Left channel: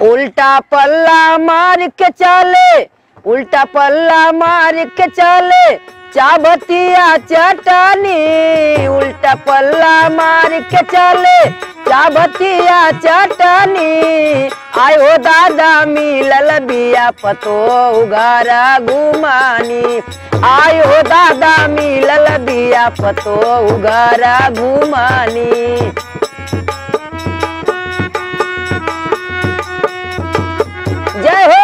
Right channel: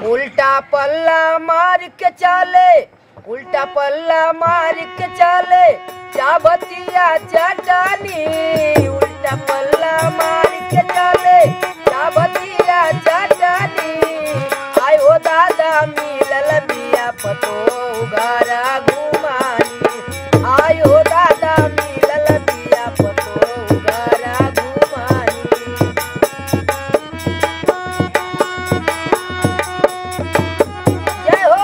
उल्टा पल्ला मार के चाले, उल्टा पल्ला मार के चाले चाबतिया चटानी। उल्टा पल्ला मार के चाले चाबतिया चटानी। आयो दादा मिलल बिया पतो उगारा घुमानी। आयो दादा मिलल बिया पतो उगारा घुमानी। जय हो।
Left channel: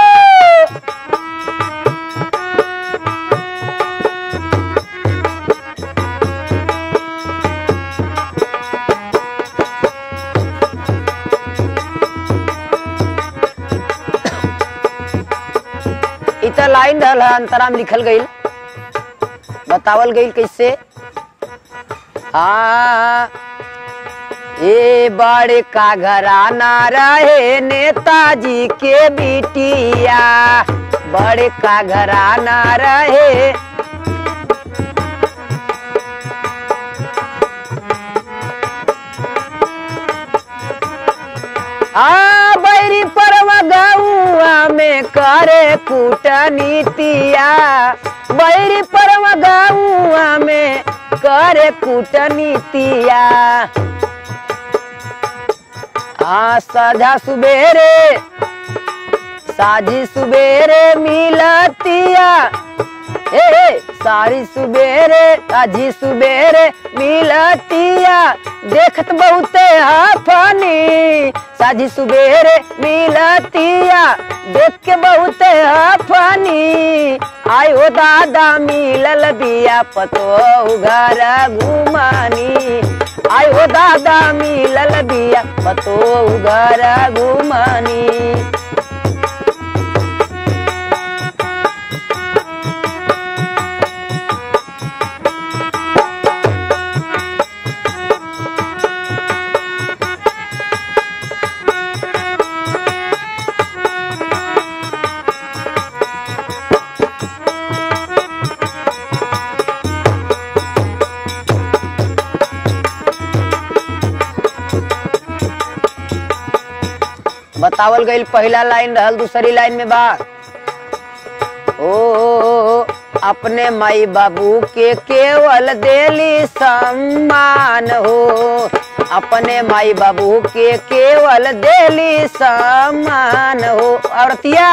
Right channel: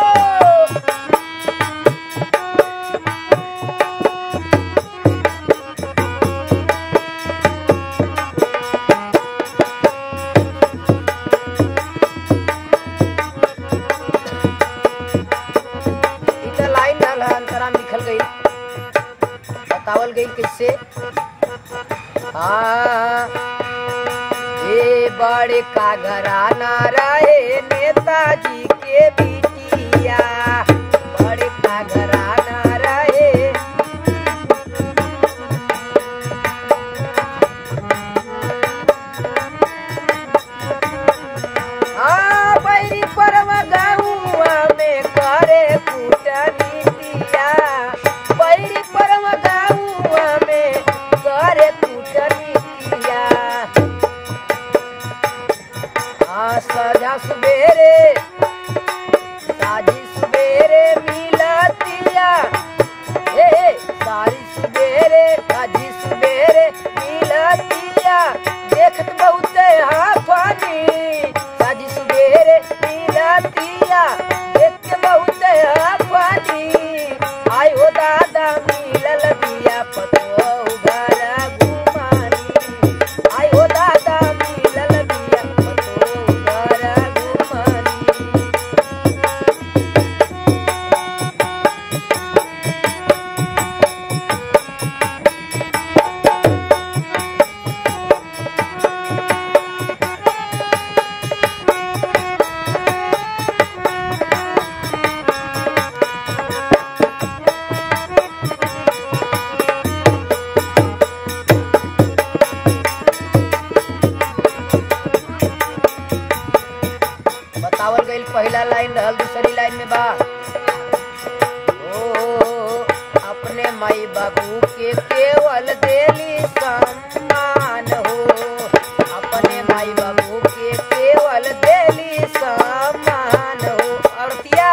इतना लाइन अंतराम लिखल गई, बतावल गई कैसे। ये बड़े का घराना रहे नेताजी के बिटिया, बड़े का घराना रहे। बैरी परवा गौआ में करे कूटनीतिया, बैरी परवा गौआ में करे कूटनीतिया। साझा सुबेरे साझी सुबेरे मिलतिया। सारी सुबेरे साझी सुबेरे मिलतिया। देखत बहुते हाफानी, साझी सुबेरे मिलतिया। देख के बहुते हाफानी। आयो दादा मिलल बिया पतो उगारा घुमानी। आयो दादा मिलल बिया पतो उगारा घुमानी। बतावल गई पहला लाइन रहल, दूसरी लाइन में बा ओ अपने माई बाबू के केवल देली सम्मान हो। अपने माई बाबू के केवल देली सम्मान हो। औरतिया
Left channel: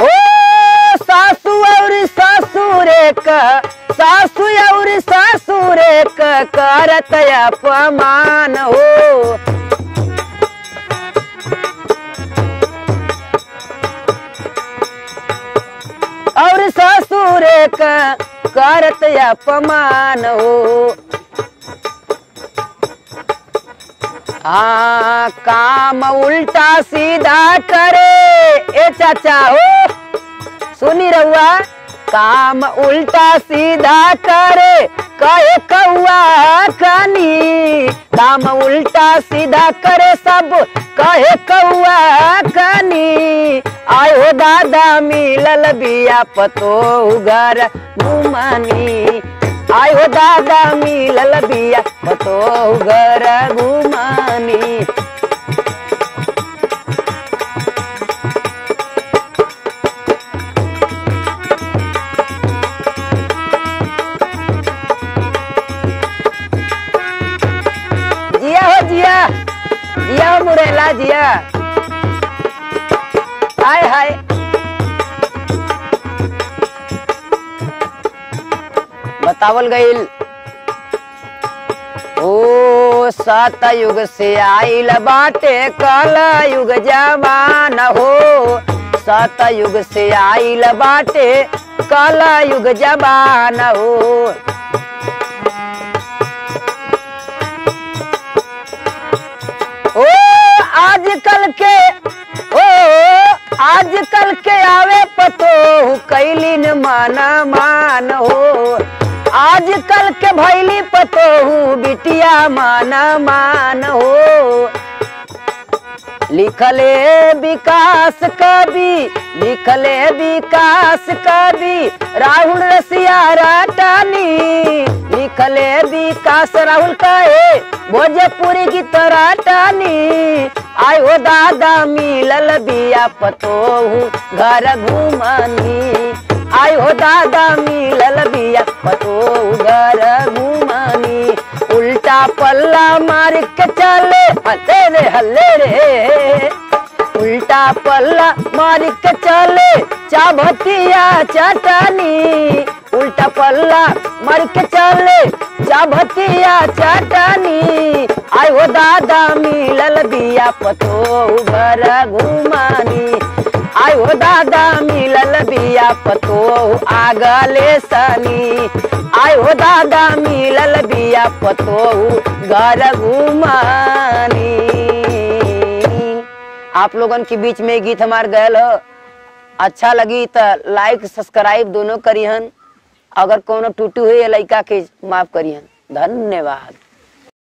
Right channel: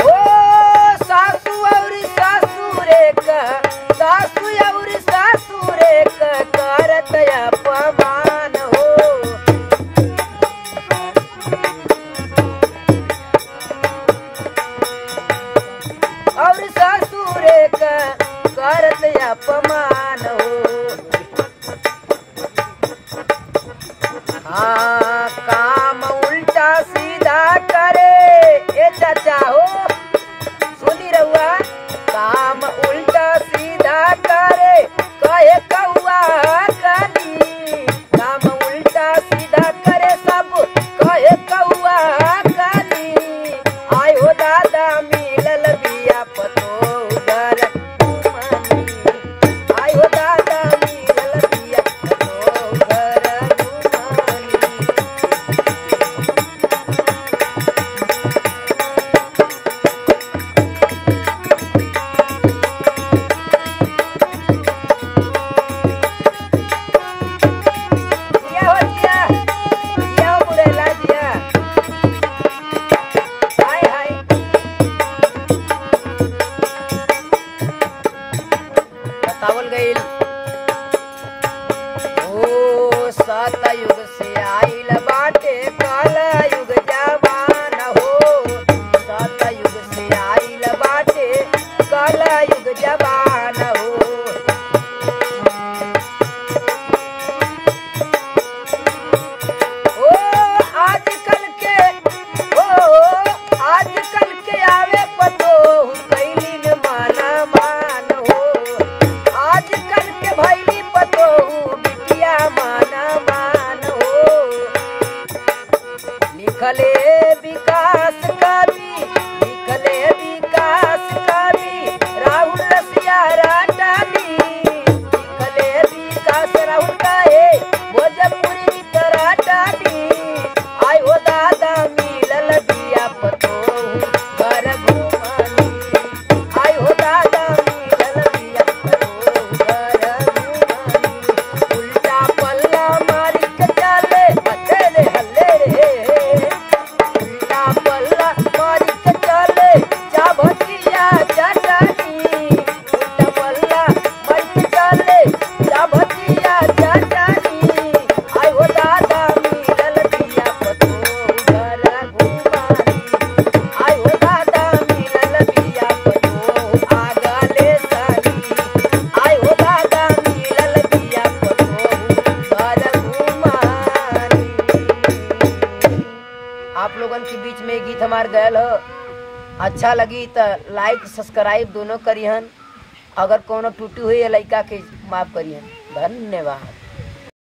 ओ सासू और सासुरे का, सासू और सासुरे का करत अपमान हो। और सासुरे का करत अपमान हो। काम उल्टा सीधा करे ए चाचा हो। सुनी रहुआ, काम उल्टा सीधा करे कहे कौआ कनी। काम उल्टा सीधा करे सब कहे कौआ कनी। आयो दादा मिलल बिया पतो उगारा घुमानी। आयो दादा मिलल बिया पतो उगारा घुमानी। हाय हाय बतावल गईल ओ सतयुग से आइल बाटे कला युग जमान हो। सतयुग से आइल बाटे कला युग जमान हो। आजकल के आवे पतो कैलिन माना मान हो। आजकल के भैली पतो बिटिया माना मान हो। लिखले विकास कवि, लिखले विकास कवि राहुल रसिया राटानी। लिखले विकास राहुल काहे भोजपुरी की तरह टानी आय हो दादा मिलल बिया पतोहू घर घुमानी आय हो दादा मिलल बिया पतोहू घर घुमानी उल्टा पल्ला मार के चले हल्ले रे उल्टा पल्ला मार के चले चाभतिया चटानी उल्टा पल्ला मार के चले चाभतिया चटानी आय हो दादा मिलल बिया पतोहू घर घुमानी आय हो दादा मिलल बिया पतोहू आगले सनी आय हो दादा मिलल बिया पतोहू घर घुमानी। आप लोगन के बीच में गीत हमार गयल अच्छा लगी तो लाइक सब्सक्राइब दोनों करिहन। अगर कोनो टूटी हुई लड़का के माफ करिहन। धन्यवाद।